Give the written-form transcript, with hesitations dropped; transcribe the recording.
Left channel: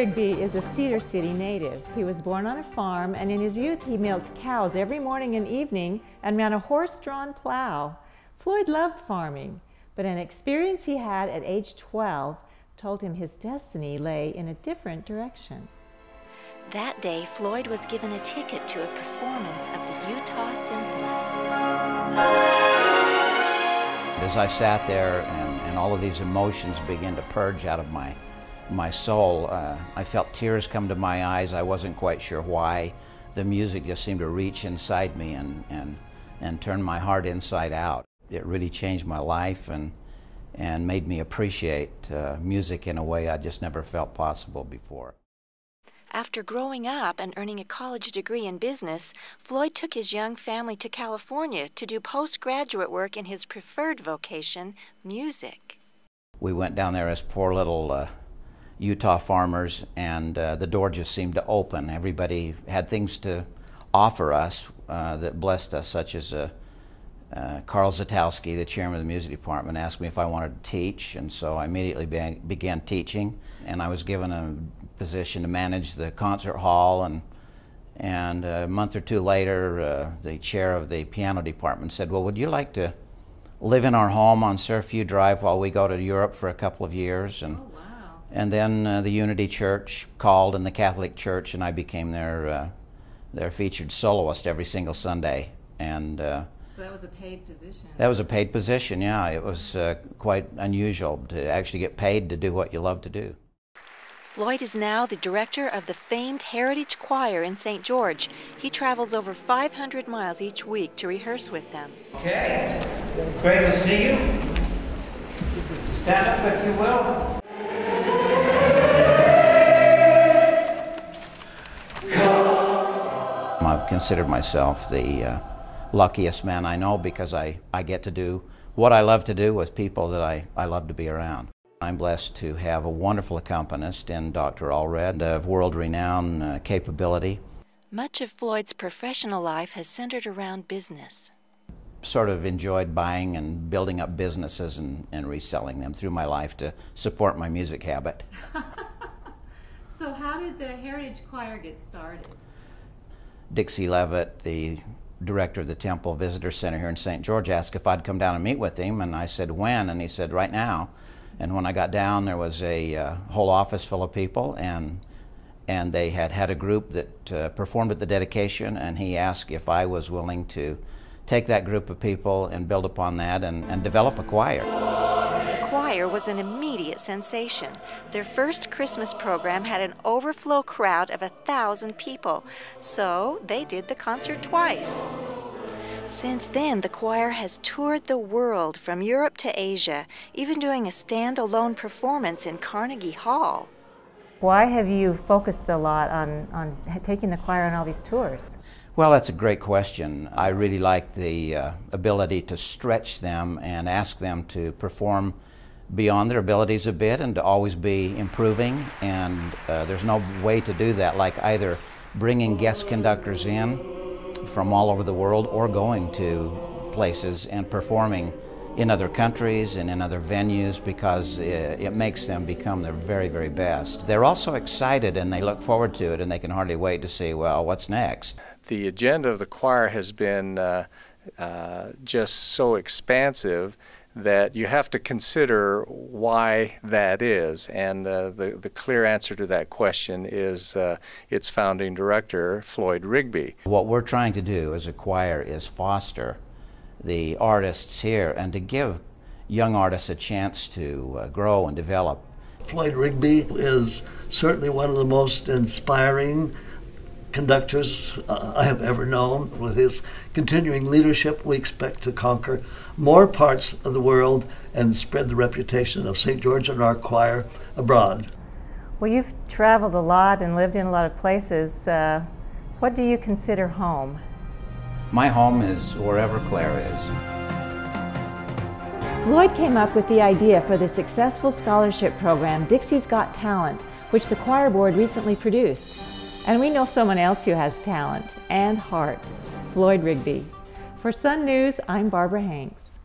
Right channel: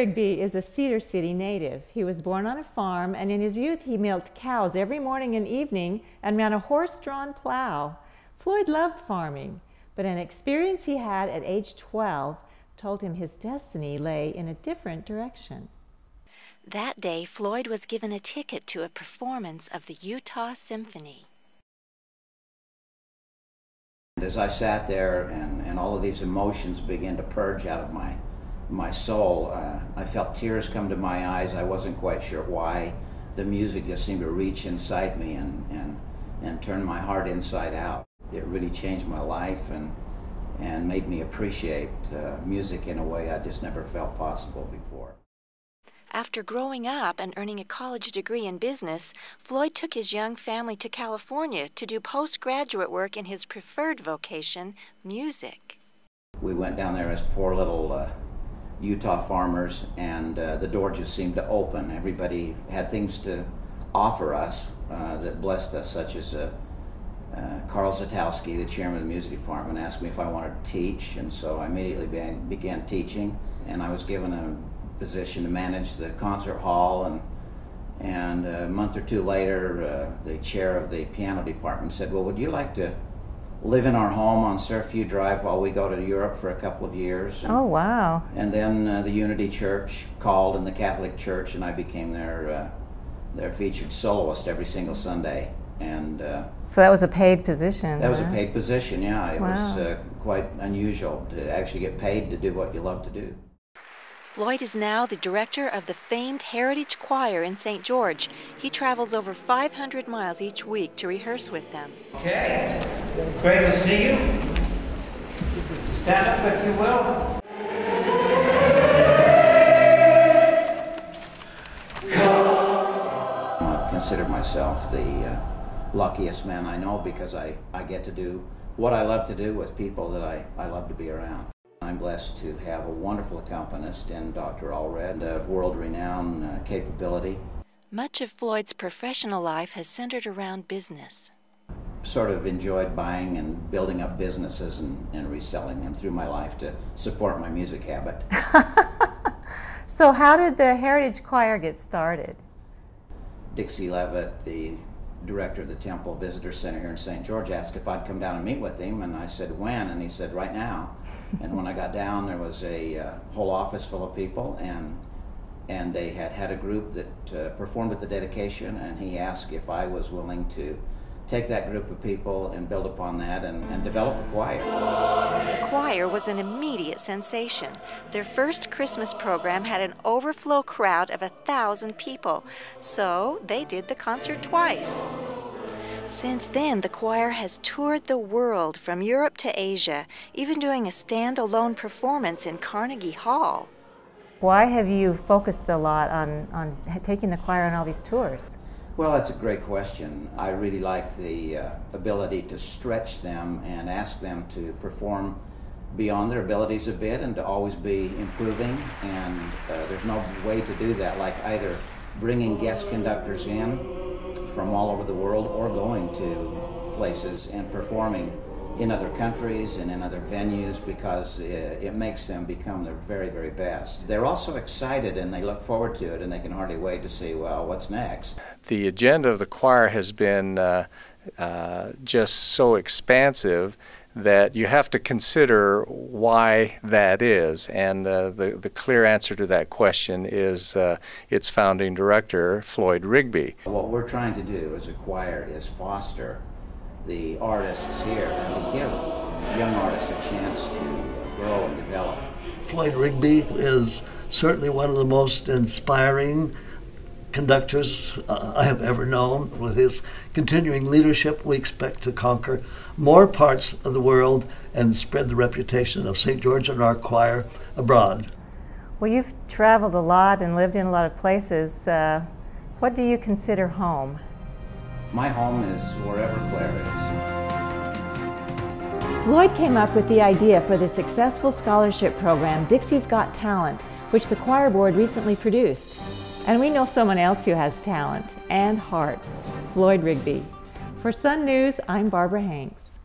Rigby is a Cedar City native. He was born on a farm, and in his youth he milked cows every morning and evening and ran a horse-drawn plow. Floyd loved farming, but an experience he had at age 12 told him his destiny lay in a different direction. That day, Floyd was given a ticket to a performance of the Utah Symphony. As I sat there and all of these emotions began to purge out of my soul, I felt tears come to my eyes. I wasn't quite sure why. The music just seemed to reach inside me and turn my heart inside out. It really changed my life and made me appreciate music in a way I just never felt possible before. After growing up and earning a college degree in business, Floyd took his young family to California to do postgraduate work in his preferred vocation, music. We went down there as poor little Utah farmers, and the door just seemed to open. Everybody had things to offer us that blessed us, such as Carl Zatowski, the chairman of the music department, asked me if I wanted to teach, and so I immediately began teaching, and I was given a position to manage the concert hall, and a month or two later the chair of the piano department said, well, would you like to live in our home on Surfview Drive while we go to Europe for a couple of years? Oh, wow. And then the Unity Church called, and the Catholic Church, and I became their featured soloist every single Sunday. And so that was a paid position? That was a paid position, yeah. It was quite unusual to actually get paid to do what you love to do. Floyd is now the director of the famed Heritage Choir in St. George. He travels over 500 miles each week to rehearse with them. Okay, great to see you. Stand up if you will. I've considered myself the luckiest man I know because I get to do what I love to do with people that I love to be around. I'm blessed to have a wonderful accompanist in Dr. Allred of world-renowned capability. Much of Floyd's professional life has centered around business. Sort of enjoyed buying and building up businesses and reselling them through my life to support my music habit. So how did the Heritage Choir get started? Dixie Levitt, the director of the Temple Visitor Center here in St. George, asked if I'd come down and meet with him, and I said, when? And he said, right now. And when I got down, there was a whole office full of people, and they had a group that performed at the dedication, and he asked if I was willing to take that group of people and build upon that and develop a choir. The choir was an immediate sensation. Their first Christmas program had an overflow crowd of 1,000 people, so they did the concert twice. Since then, the choir has toured the world from Europe to Asia, even doing a stand-alone performance in Carnegie Hall. Why have you focused a lot on taking the choir on all these tours? Well, that's a great question. I really like the ability to stretch them and ask them to perform beyond their abilities a bit and to always be improving, and there's no way to do that like either bringing guest conductors in from all over the world or going to places and performing in other countries and in other venues, because it makes them become their very, very best. They're also excited and they look forward to it, and they can hardly wait to see, well, what's next? The agenda of the choir has been just so expansive that you have to consider why that is, and the clear answer to that question is its founding director, Floyd Rigby. What we're trying to do as a choir is foster the artists here and to give young artists a chance to grow and develop. Floyd Rigby is certainly one of the most inspiring conductors I have ever known. With his continuing leadership, we expect to conquer more parts of the world and spread the reputation of St. George and our choir abroad. Well, you've traveled a lot and lived in a lot of places. What do you consider home? My home is wherever Claire is. Floyd came up with the idea for the successful scholarship program Dixie's Got Talent, which the choir board recently produced. And we know someone else who has talent and heart, Floyd Rigby. For Sun News, I'm Barbara Hanks.